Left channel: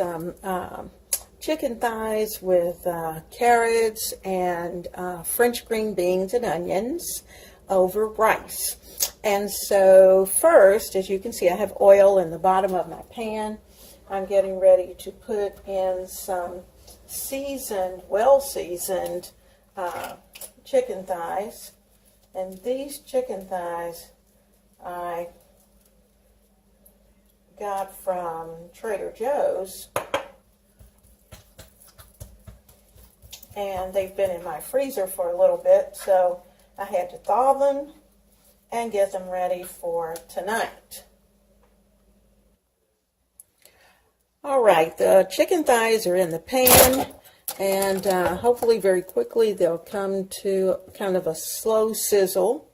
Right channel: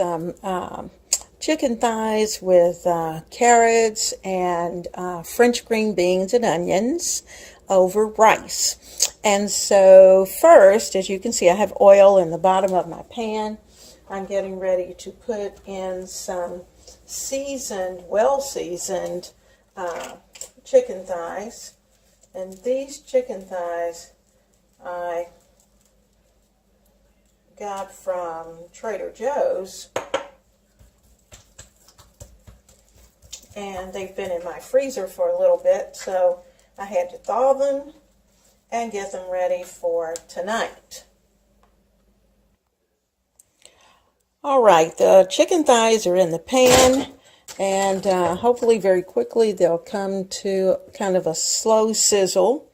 some chicken thighs with carrots and French green beans and onions over rice. And so first, as you can see, I have oil in the bottom of my pan. I'm getting ready to put in some seasoned, well-seasoned chicken thighs. And these chicken thighs I got from Trader Joe's. And they've been in my freezer for a little bit, so I had to thaw them and get them ready for tonight. All right, the chicken thighs are in the pan, and hopefully very quickly they'll come to kind of a slow sizzle.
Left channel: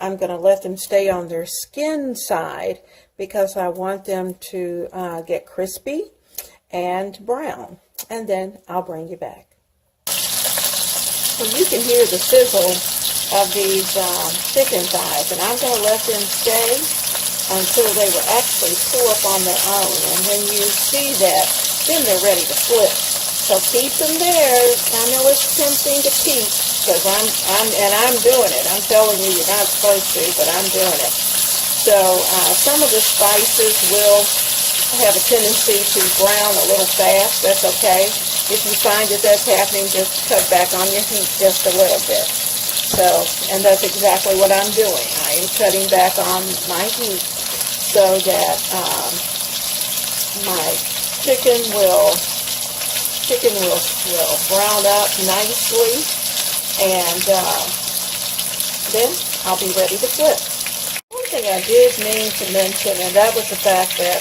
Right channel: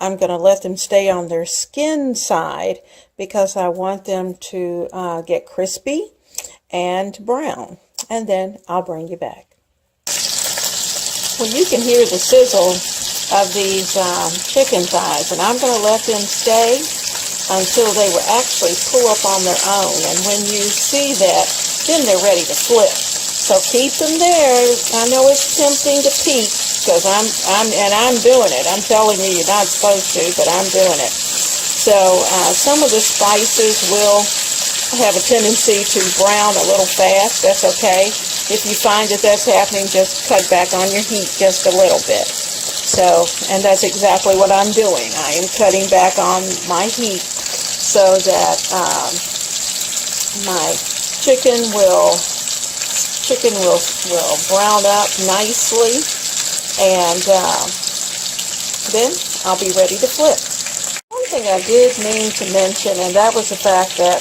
I'm going to let them stay on their skin side because I want them to get crispy and brown, and then I'll bring you back. Well, you can hear the sizzle of these chicken thighs, and I'm going to let them stay until they will actually pull up on their own. And when you see that, then they're ready to flip. So keep them there. I know it's tempting to peek because I'm doing it. I'm telling you, you're not supposed to, but I'm doing it. So some of the spices will have a tendency to brown a little fast. That's okay. If you find that that's happening, just cut back on your heat just a little bit. So, and that's exactly what I'm doing. I am cutting back on my heat so that my chicken will brown up nicely, and then I'll be ready to flip. One thing I did mean to mention, and that was the fact that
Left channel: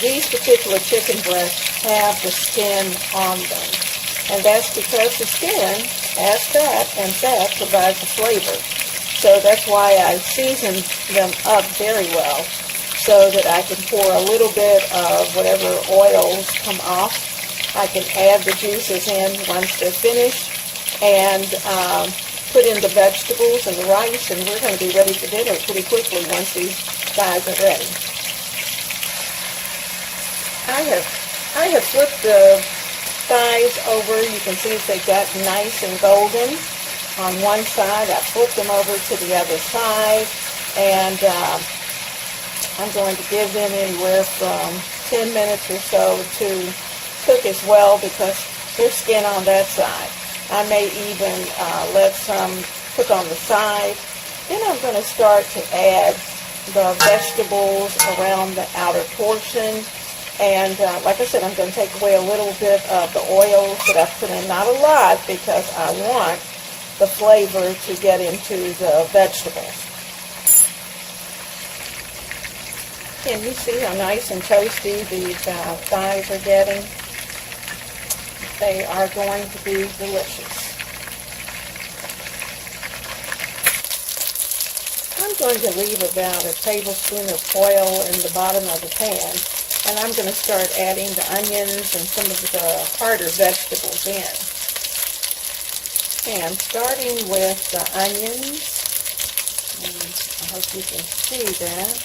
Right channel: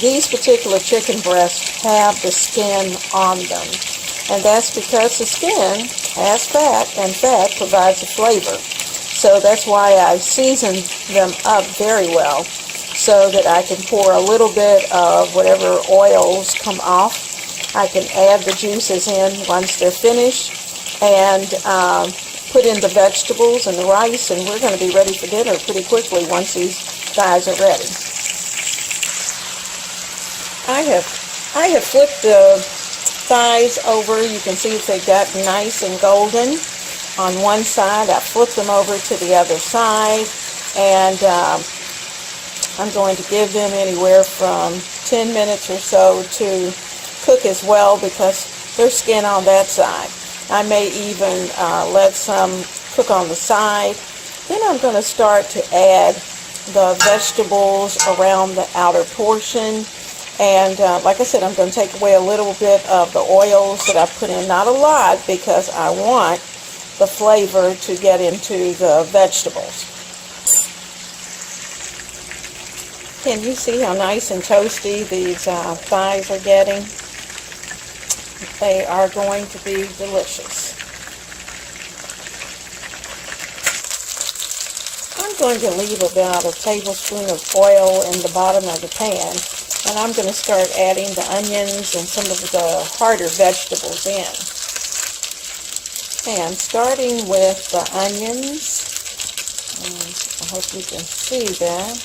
these particular chicken breasts have the skin on them. And that's because the skin has fat, and fat provides a flavor. So that's why I season them up very well, so that I can pour a little bit of whatever oils come off. I can add the juices in once they're finished, and put in the vegetables and the rice, and we're going to be ready for dinner pretty quickly once these thighs are ready. I have flipped the thighs over. You can see if they got nice and golden on one side. I flipped them over to the other side, and I'm going to give them anywhere from 10 minutes or so to cook as well, because there's skin on that side. I may even let some cook on the side. Then I'm going to start to add the vegetables around the outer portion. And like I said, I'm going to take away a little bit of the oils that I put in. Not a lot, because I want the flavor to get into the vegetables. Can you see how nice and toasty these thighs are getting? They are going to be delicious. I'm going to leave about a tablespoon of oil in the bottom of the pan. And I'm going to start adding the onions and some of the harder vegetables in. And starting with the onions, I hope you can see that.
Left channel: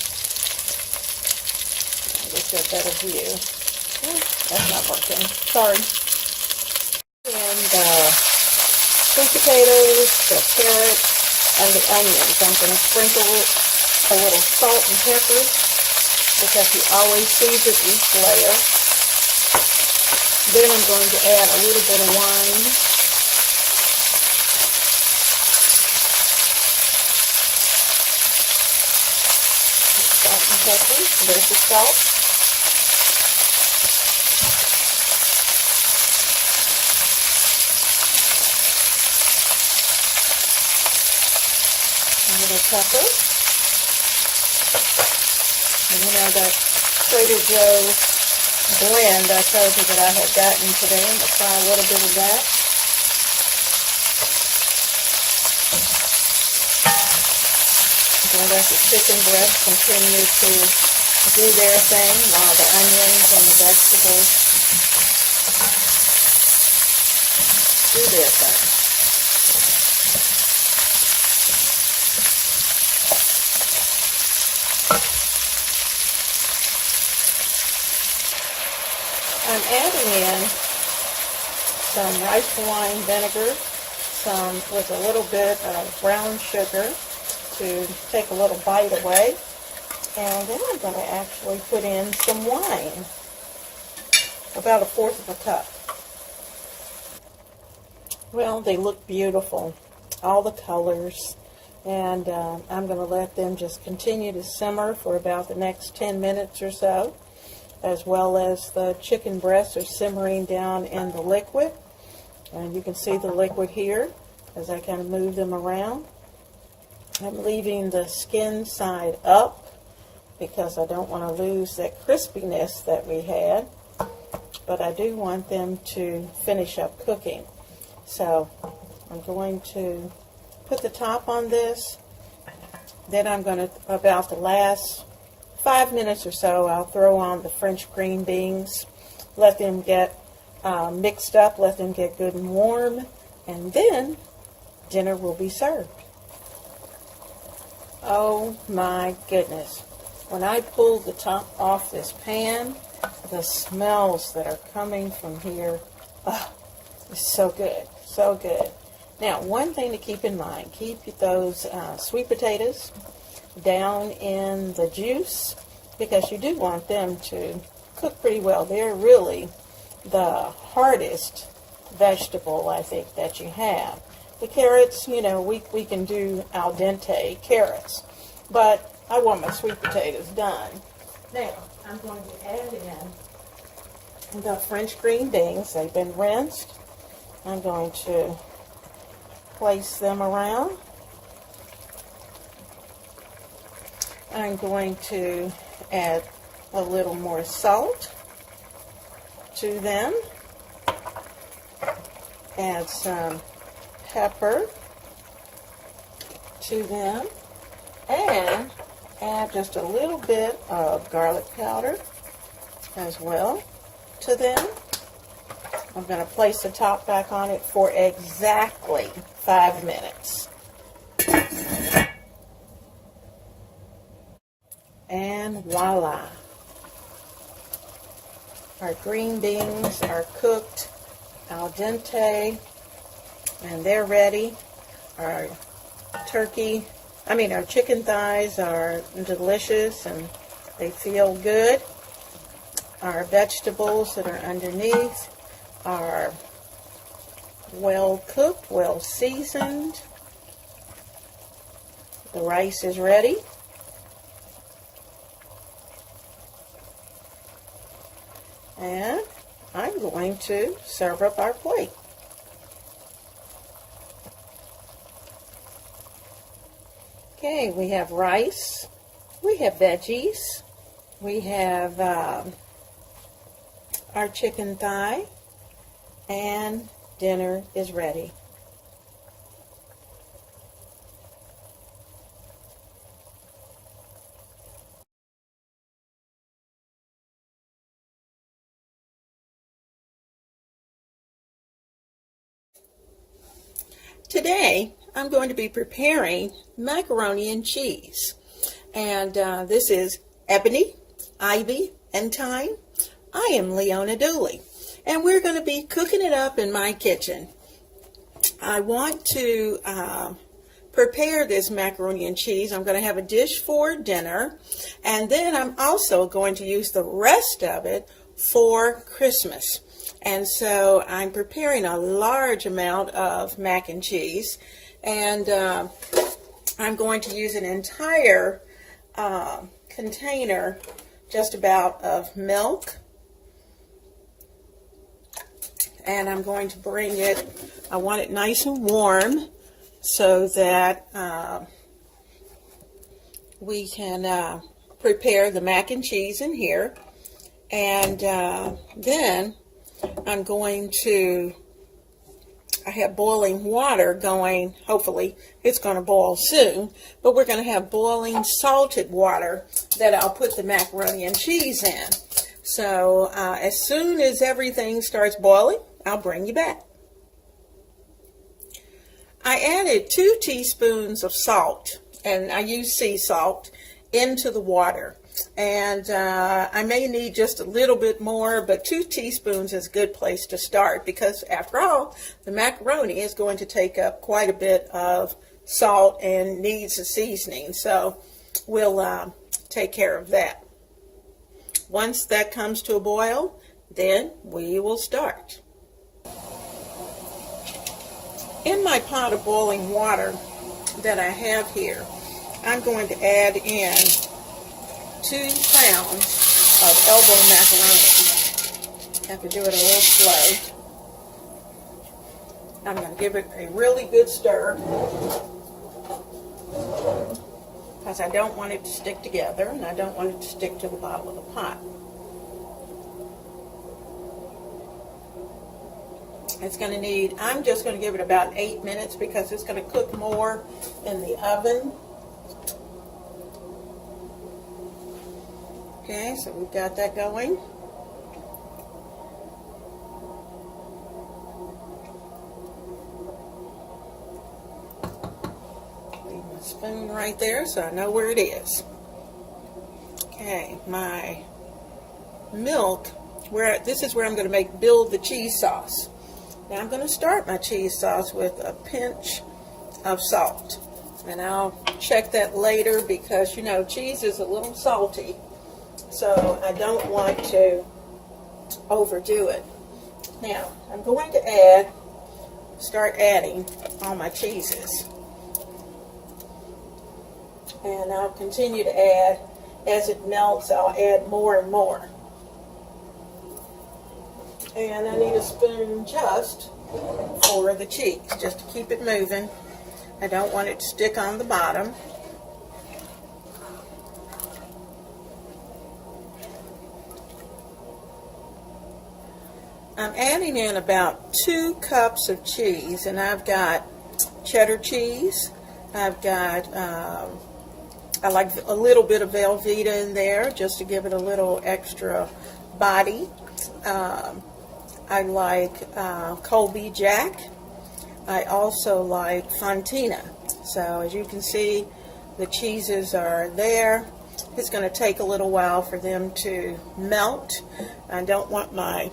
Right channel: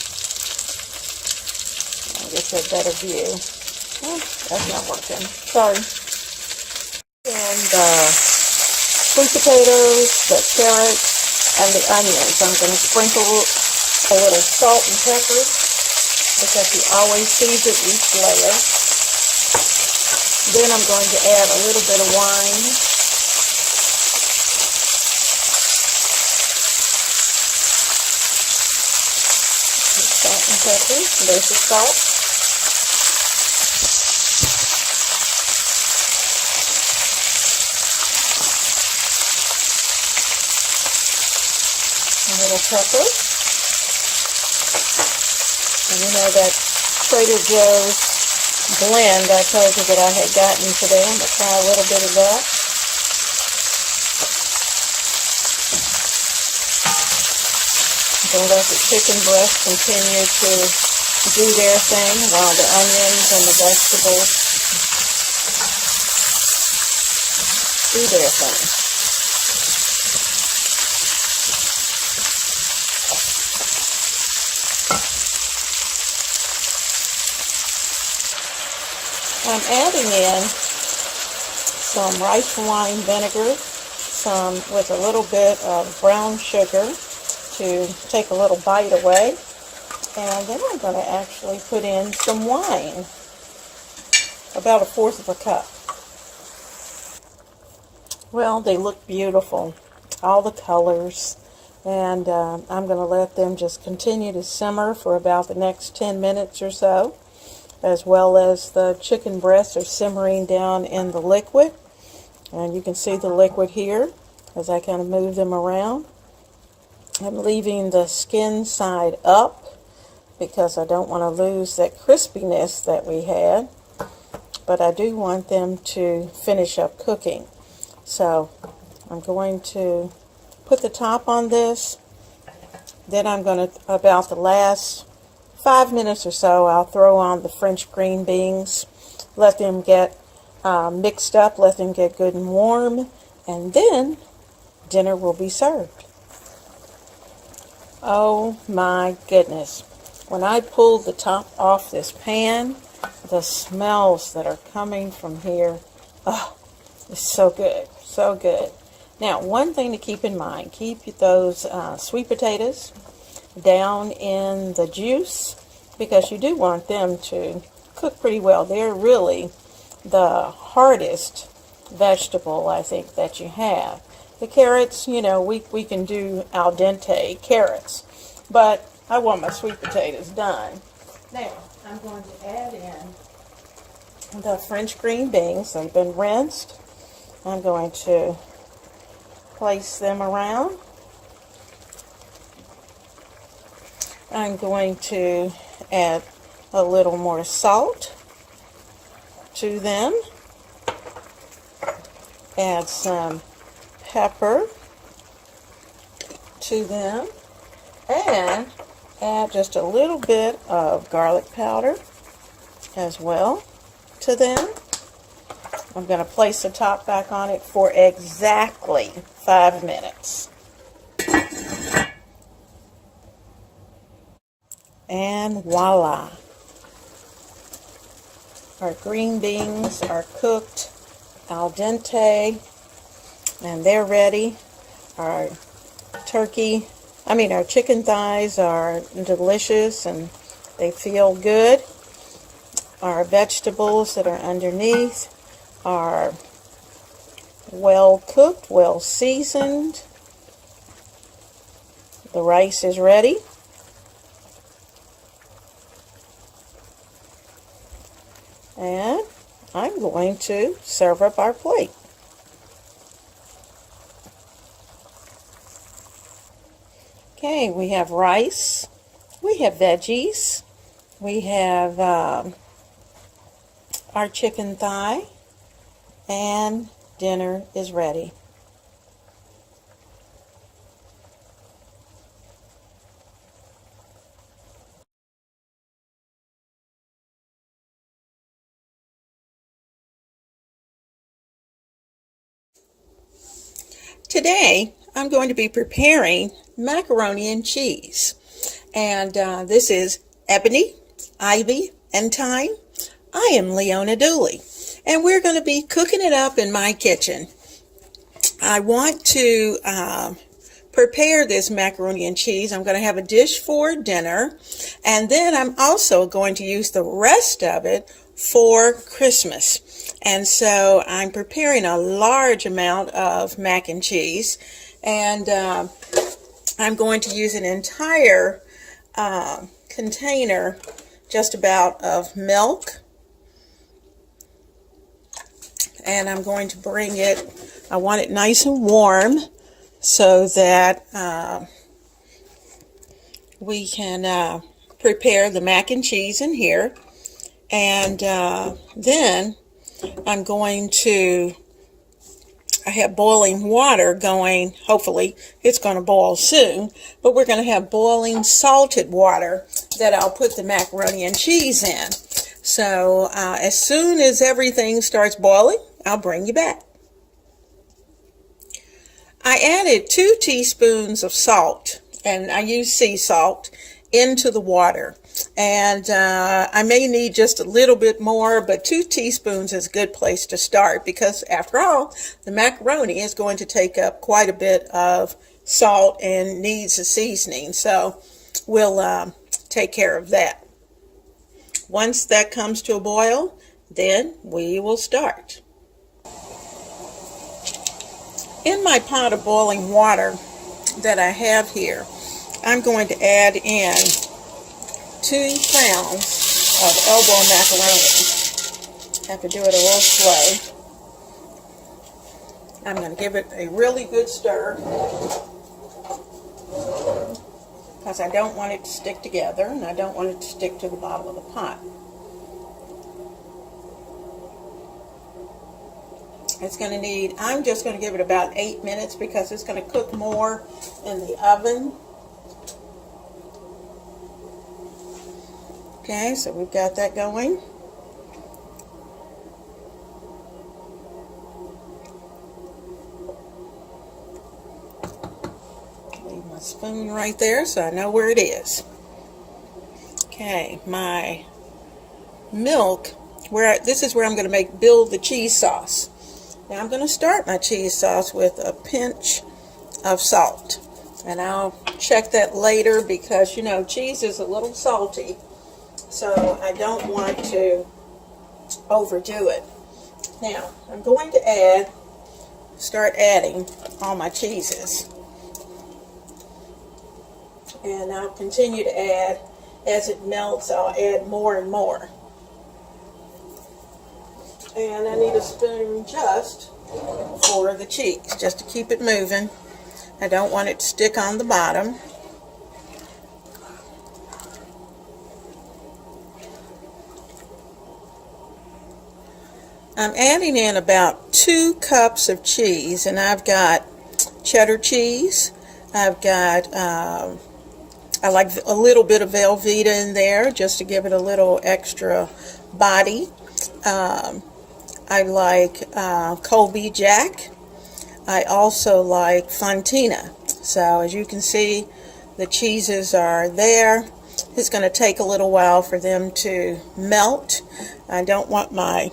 I'll get you a better view. Oh, that's not working. Sorry. And the sweet potatoes, the carrots, and the onions. I'm going to sprinkle a little salt and pepper, because you always season each layer. Then I'm going to add a little bit of wine. Salt and pepper. There's the salt. A little pepper. And you know that Trader Joe's blend I told you that I had gotten today. I'm going to try a little bit of that. I'm going to let the chicken breast continue to do their thing while the onions and the vegetables do their thing. I'm adding in some rice wine vinegar, some with a little bit of brown sugar to take a little bite away. And then I'm going to actually put in some wine, about 1/4 of a cup. Well, they look beautiful, all the colors, and I'm going to let them just continue to simmer for about the next 10 minutes or so, as well as the chicken breasts are simmering down in the liquid. And you can see the liquid here as I kind of move them around. I'm leaving the skin side up because I don't want to lose that crispiness that we had, but I do want them to finish up cooking. So I'm going to put the top on this, then I'm going to, about the last 5 minutes or so, I'll throw on the French green beans, let them get mixed up, let them get good and warm, and then dinner will be served. Oh my goodness. When I pulled the top off this pan, the smells that are coming from here, oh, it's so good, so good. Now, one thing to keep in mind, keep those sweet potatoes down in the juice because you do want them to cook pretty well. They're really the hardest vegetable, I think, that you have. The carrots, you know, we can do al dente carrots, but I want my sweet potatoes done. Now, I'm going to add in the French green beans. They've been rinsed. I'm going to place them around. I'm going to add a little more salt to them. Add some pepper to them. And add just a little bit of garlic powder as well to them. I'm going to place the top back on it for exactly 5 minutes. And voila! Our green beans are cooked al dente and they're ready. Our chicken thighs are delicious and they feel good. Our vegetables that are underneath are well cooked, well seasoned. The rice is ready. And I'm going to serve up our plate. Okay, we have rice, we have veggies, we have our chicken thigh, and dinner is ready. Today, I'm going to be preparing macaroni and cheese. And this is Ebony, Ivy, and Thyme. I am Leona Dooley. And we're going to be cooking it up in my kitchen. I want to prepare this macaroni and cheese. I'm going to have a dish for dinner. And then I'm also going to use the rest of it for Christmas. And so I'm preparing a large amount of mac and cheese, and I'm going to use an entire container just about of milk, and I'm going to bring it, I want it nice and warm so that we can prepare the mac and cheese in here. And then I'm going to, I have boiling water going, hopefully it's going to boil soon, but we're going to have boiling salted water that I'll put the macaroni and cheese in. So as soon as everything starts boiling, I'll bring you back. I added 2 teaspoons of salt, and I use sea salt, into the water. And I may need just a little bit more, but 2 teaspoons is a good place to start because after all, the macaroni is going to take up quite a bit of salt and needs a seasoning. So we'll take care of that. Once that comes to a boil, then we will start. In my pot of boiling water that I have here, I'm going to add in 2 pounds of elbow macaroni. I have to do it a little slow. I'm going to give it a really good stir because I don't want it to stick together and I don't want it to stick to the bottom of the pot. It's going to need, I'm just going to give it about 8 minutes because it's going to cook more in the oven. Okay, so we've got that going. Leave my spoon right there so I know where it is. Okay, my milk, this is where I'm going to build the cheese sauce. Now I'm going to start my cheese sauce with a pinch of salt. And I'll check that later because, you know, cheese is a little salty. So I don't want to overdo it. Now, I'm going to start adding all my cheeses. And I'll continue to add. As it melts, I'll add more and more. And I need a spoon just for the cheeks, just to keep it moving. I don't want it to stick on the bottom. I'm adding in about 2 cups of cheese, and I've got cheddar cheese. I've got, I like a little bit of Velveeta in there just to give it a little extra body. I like Colby Jack. I also like Fontina. So as you can see, the cheeses are there. It's going to take a little while for them to melt. I don't want my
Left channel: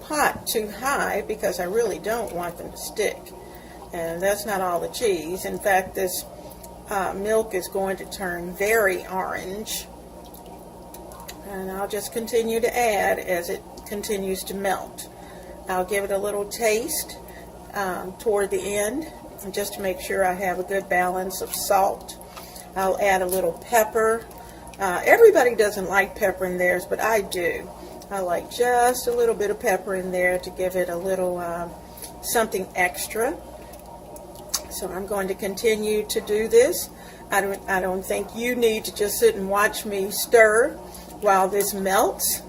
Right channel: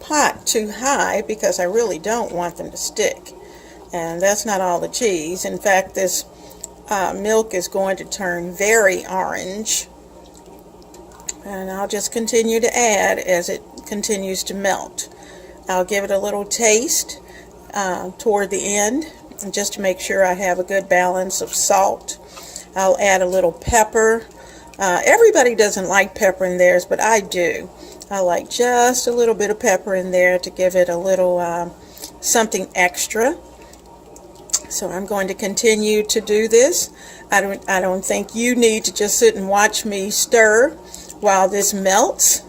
pot too high because I really don't want them to stick. And that's not all the cheese. In fact, this milk is going to turn very orange. And I'll just continue to add as it continues to melt. I'll give it a little taste toward the end just to make sure I have a good balance of salt. I'll add a little pepper. Everybody doesn't like pepper in theirs, but I do. I like just a little bit of pepper in there to give it a little something extra. So I'm going to continue to do this. I don't think you need to just sit and watch me stir while this melts,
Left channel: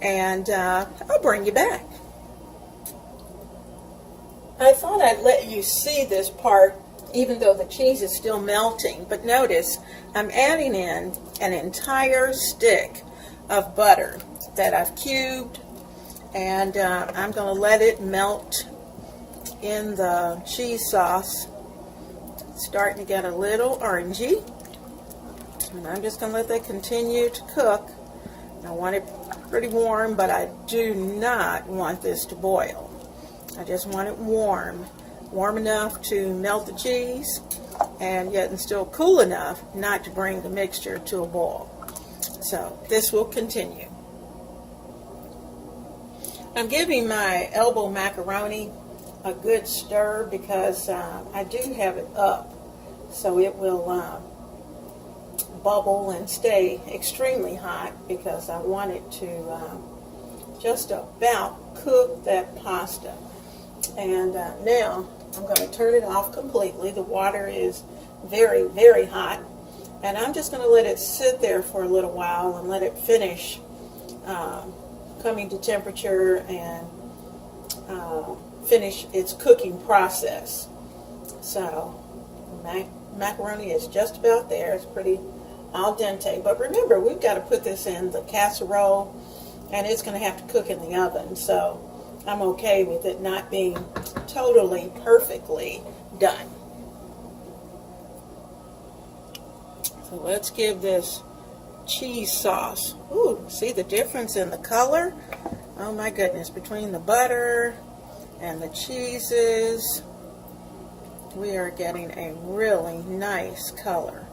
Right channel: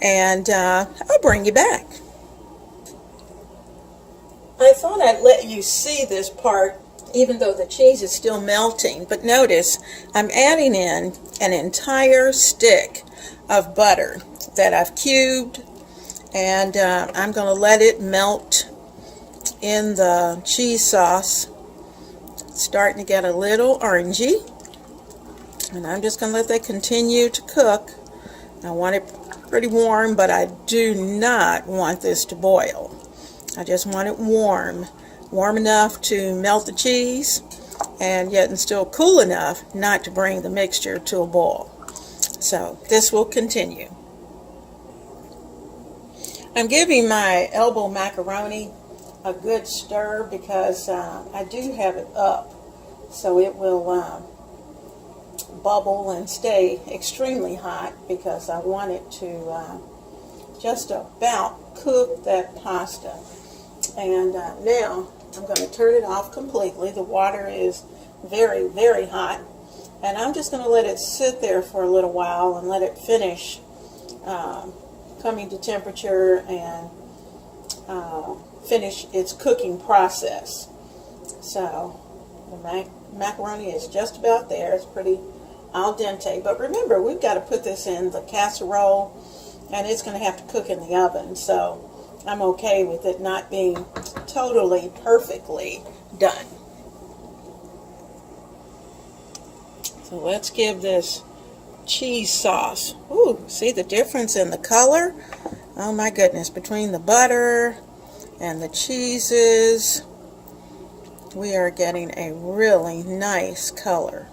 and I'll bring you back. I thought I'd let you see this part even though the cheese is still melting, but notice I'm adding in an entire stick of butter that I've cubed, and I'm going to let it melt in the cheese sauce. It's starting to get a little orangey, and I'm just going to let that continue to cook. I want it pretty warm, but I do not want this to boil. I just want it warm enough to melt the cheese, and yet still cool enough not to bring the mixture to a boil. So this will continue. I'm giving my elbow macaroni a good stir because I do have it up, so it will bubble and stay extremely hot because I want it to just about cook that pasta. And now I'm going to turn it off completely. The water is very, very hot, and I'm just going to let it sit there for a little while and let it finish coming to temperature and finish its cooking process. So the macaroni is just about there. It's pretty al dente, but remember, we've got to put this in the casserole, and it's going to have to cook in the oven, so I'm okay with it not being totally perfectly done. So let's give this cheese sauce. Ooh, see the difference in the color? Oh my goodness, between the butter and the cheeses, we are getting a really nice color.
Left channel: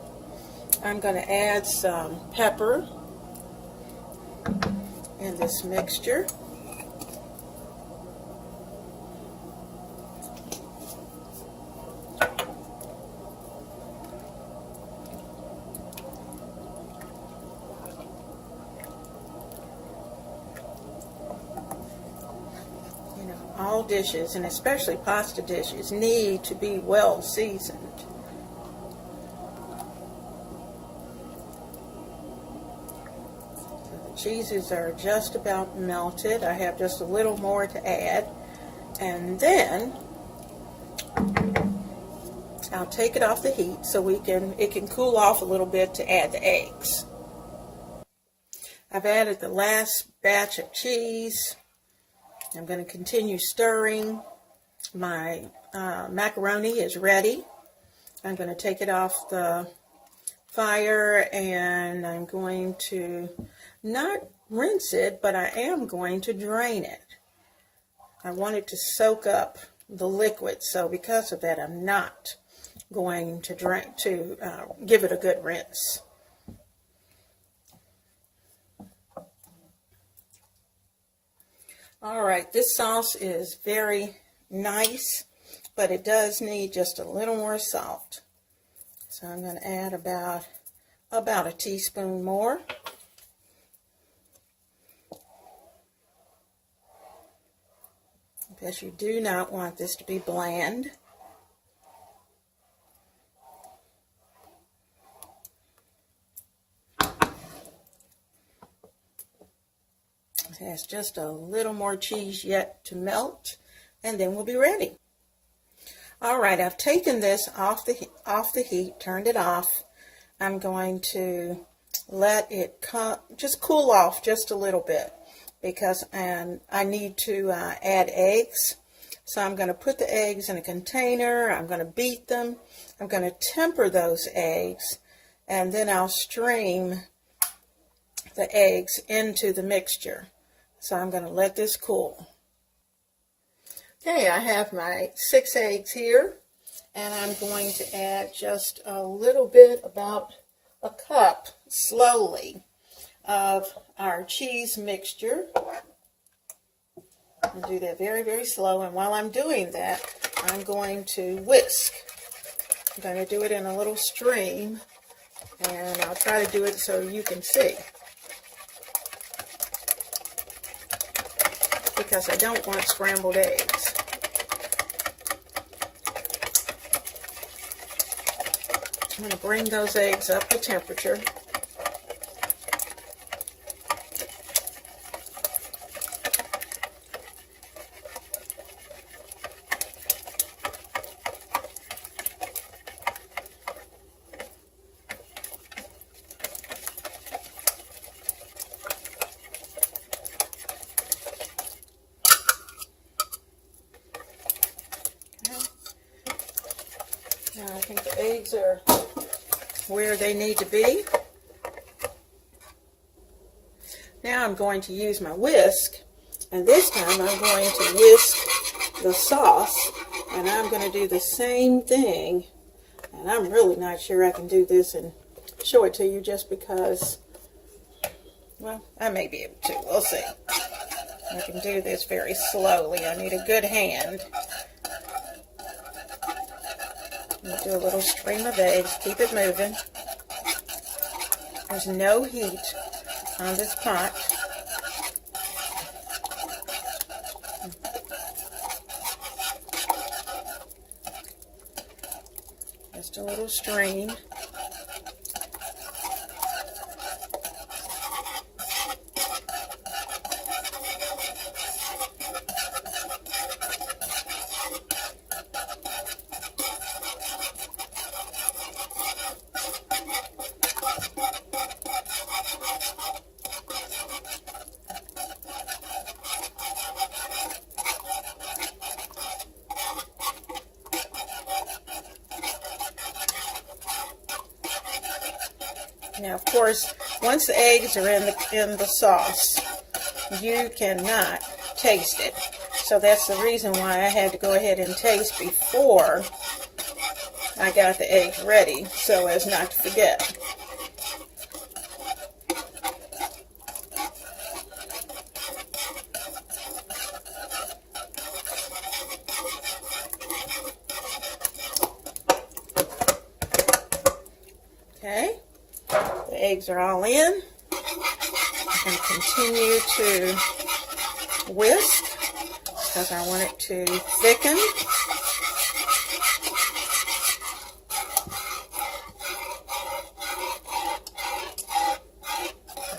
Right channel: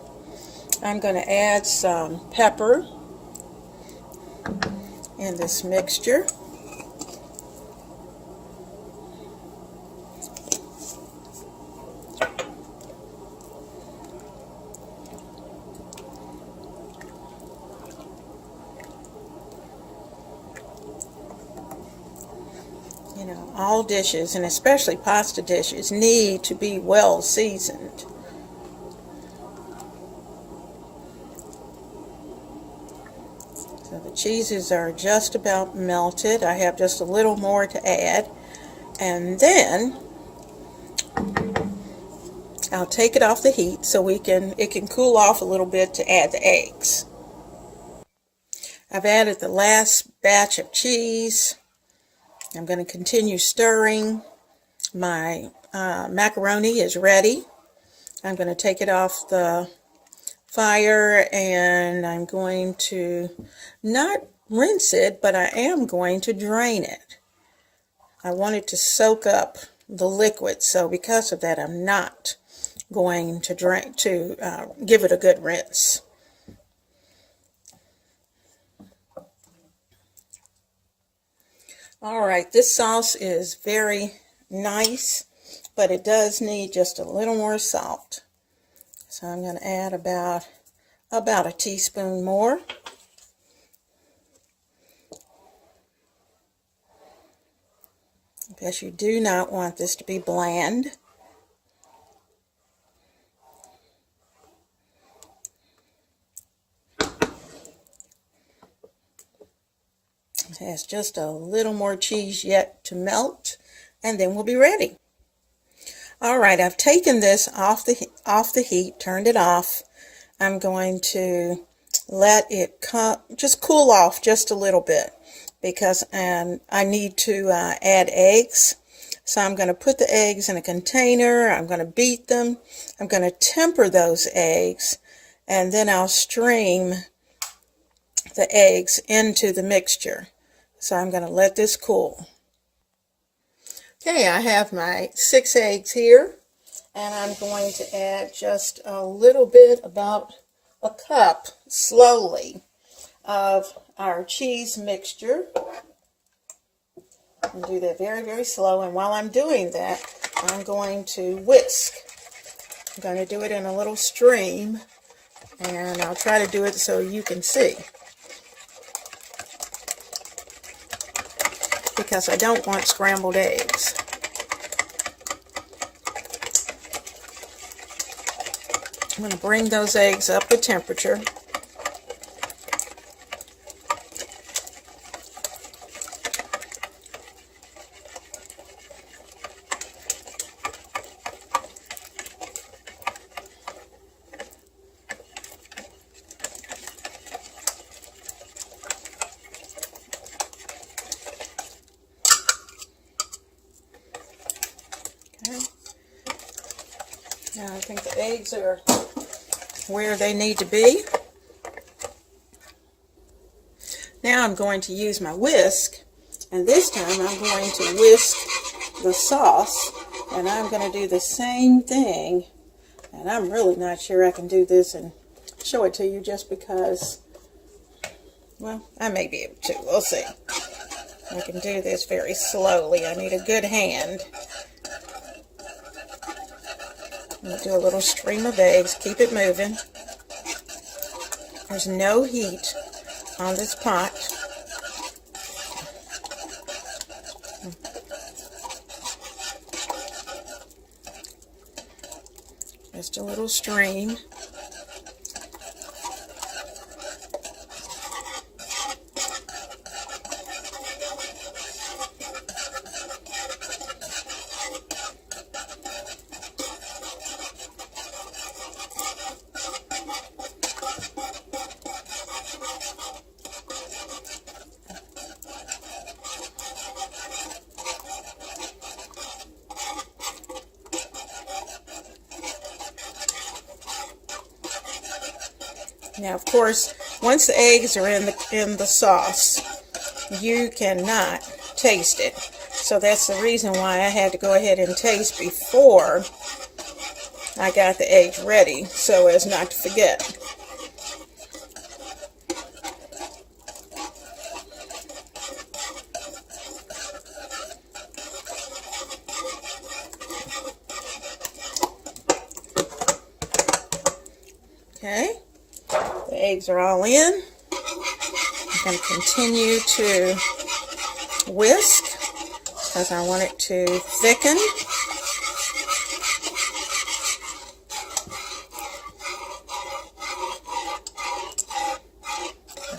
I'm going to add some pepper in this mixture. You know, all dishes, and especially pasta dishes, need to be well seasoned. Cheeses are just about melted. I have just a little more to add, and then I'll take it off the heat so it can cool off a little bit to add the eggs. I've added the last batch of cheese. I'm going to continue stirring. My macaroni is ready. I'm going to take it off the fire, and I'm going to not rinse it, but I am going to drain it. I want it to soak up the liquid, so because of that, I'm not going to give it a good rinse. All right, this sauce is very nice, but it does need just a little more salt. So I'm going to add about a teaspoon more. Because you do not want this to be bland. It has just a little more cheese yet to melt, and then we'll be ready. All right, I've taken this off the heat, turned it off. I'm going to let it just cool off just a little bit, because I need to add eggs. So I'm going to put the eggs in a container. I'm going to beat them. I'm going to temper those eggs, and then I'll stream the eggs into the mixture. So I'm going to let this cool. Okay, I have my 6 eggs here, and I'm going to add just a little bit, about a cup, slowly, of our cheese mixture. I'll do that very, very slow, and while I'm doing that, I'm going to whisk. I'm going to do it in a little stream, and I'll try to do it so you can see, because I don't want scrambled eggs. I'm going to bring those eggs up to temperature. Now I think the eggs are where they need to be. Now I'm going to use my whisk, and this time I'm going to whisk the sauce, and I'm going to do the same thing. And I'm really not sure I can do this and show it to you, just because, well, I may be able to. We'll see. I can do this very slowly. I need a good hand. We'll do a little stream of eggs. Keep it moving. There's no heat on this pot. Just a little stream. Now, of course, once the eggs are in the sauce, you cannot taste it. So that's the reason why I had to go ahead and taste before I got the eggs ready, so as not to forget. Okay, the eggs are all in. I'm going to continue to whisk because I want it to thicken.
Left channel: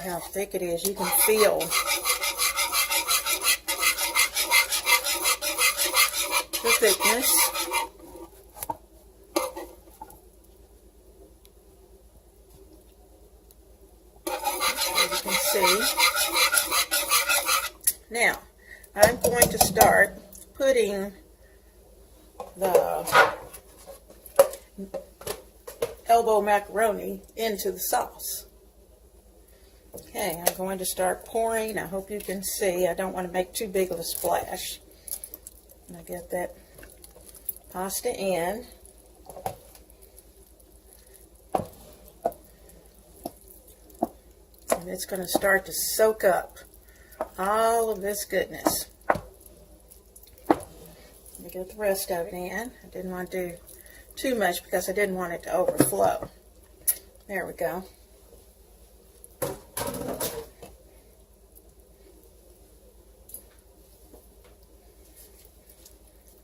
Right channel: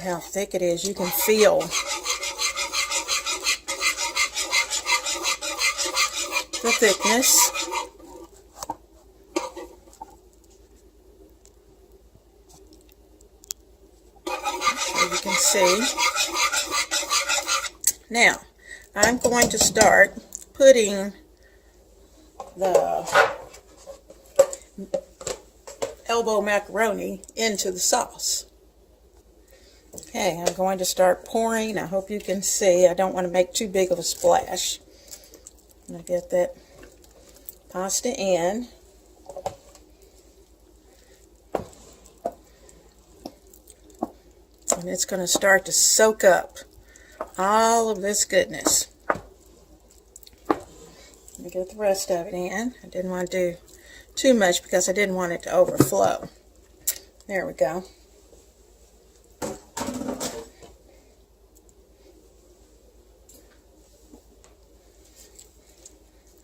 How thick it is, you can feel the thickness. As you can see. Now, I'm going to start putting the elbow macaroni into the sauce. Okay, I'm going to start pouring. I hope you can see. I don't want to make too big of a splash. I'm going to get that pasta in. And it's going to start to soak up all of this goodness. Let me get the rest of it in. I didn't want to do too much because I didn't want it to overflow. There we go.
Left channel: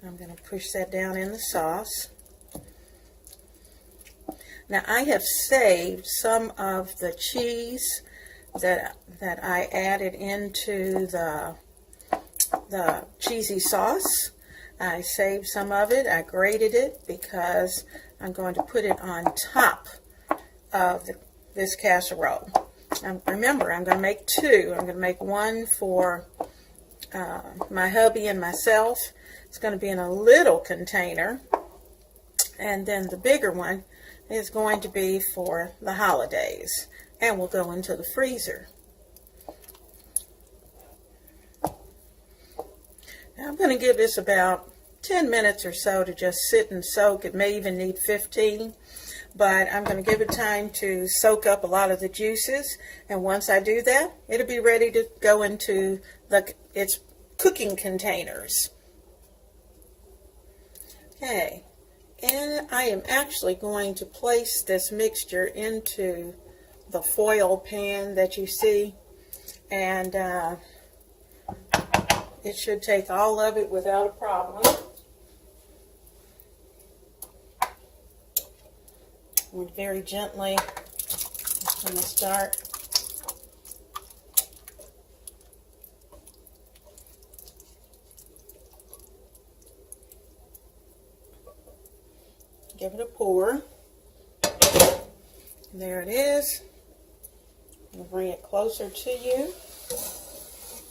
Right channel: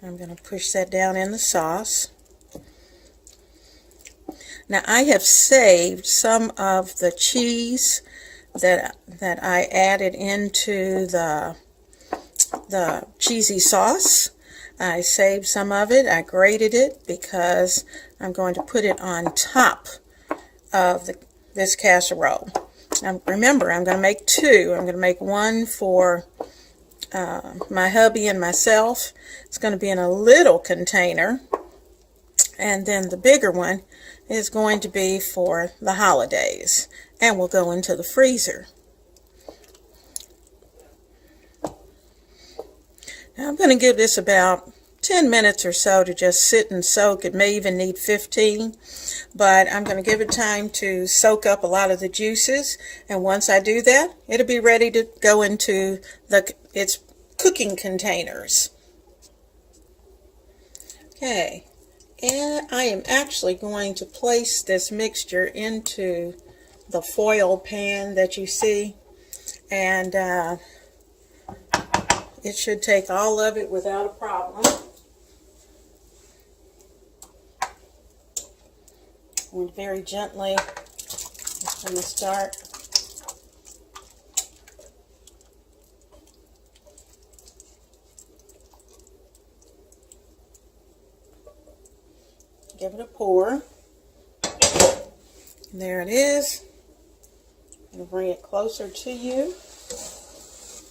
I'm going to push that down in the sauce. Now I have saved some of the cheese that I added into the cheesy sauce. I saved some of it. I grated it because I'm going to put it on top of this casserole. Now remember, I'm going to make two. I'm going to make one for my hubby and myself. It's going to be in a little container, and then the bigger one is going to be for the holidays and will go into the freezer. Now I'm going to give this about 10 minutes or so to just sit and soak. It may even need 15, but I'm going to give it time to soak up a lot of the juices, and once I do that, it'll be ready to go into its cooking containers. Okay, and I am actually going to place this mixture into the foil pan that you see, and it should take all of it without a problem. And very gently, just going to start. Give it a pour. There it is. I'll bring it closer to you.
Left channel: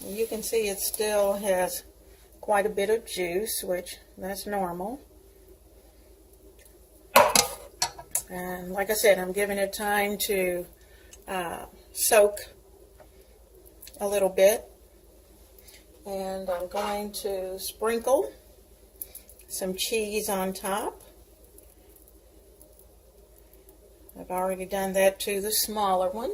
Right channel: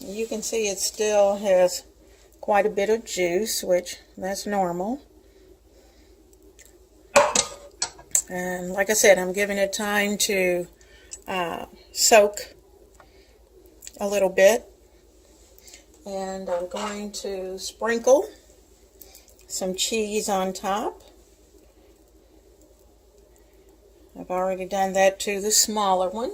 And you can see it still has quite a bit of juice, which that's normal. And like I said, I'm giving it time to soak a little bit. And I'm going to sprinkle some cheese on top. I've already done that to the smaller one.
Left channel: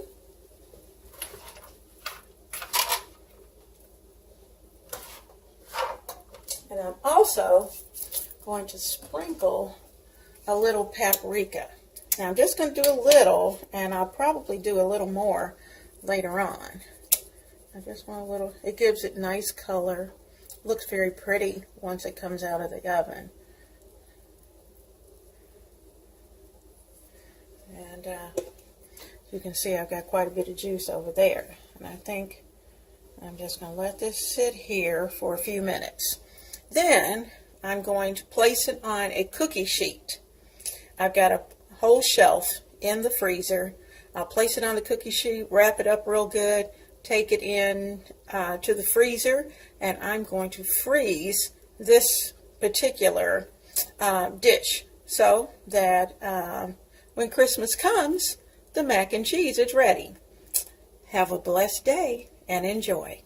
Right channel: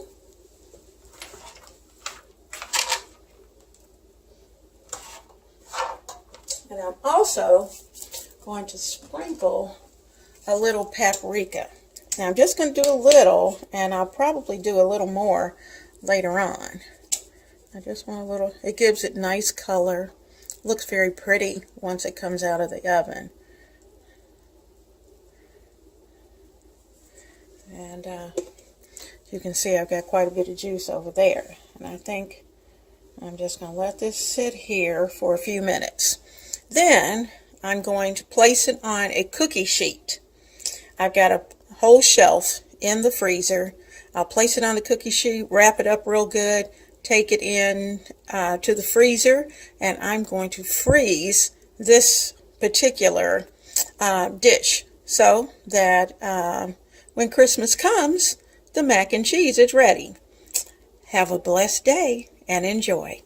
And I'm also going to sprinkle a little paprika. Now I'm just going to do a little, and I'll probably do a little more later on. I just want a little, it gives it nice color. Looks very pretty once it comes out of the oven. And you can see I've got quite a bit of juice over there. And I think I'm just going to let this sit here for a few minutes. Then I'm going to place it on a cookie sheet. I've got a whole shelf in the freezer. I'll place it on the cookie sheet, wrap it up real good, take it in to the freezer, and I'm going to freeze this particular dish so that when Christmas comes, the mac and cheese is ready. Have a blessed day and enjoy.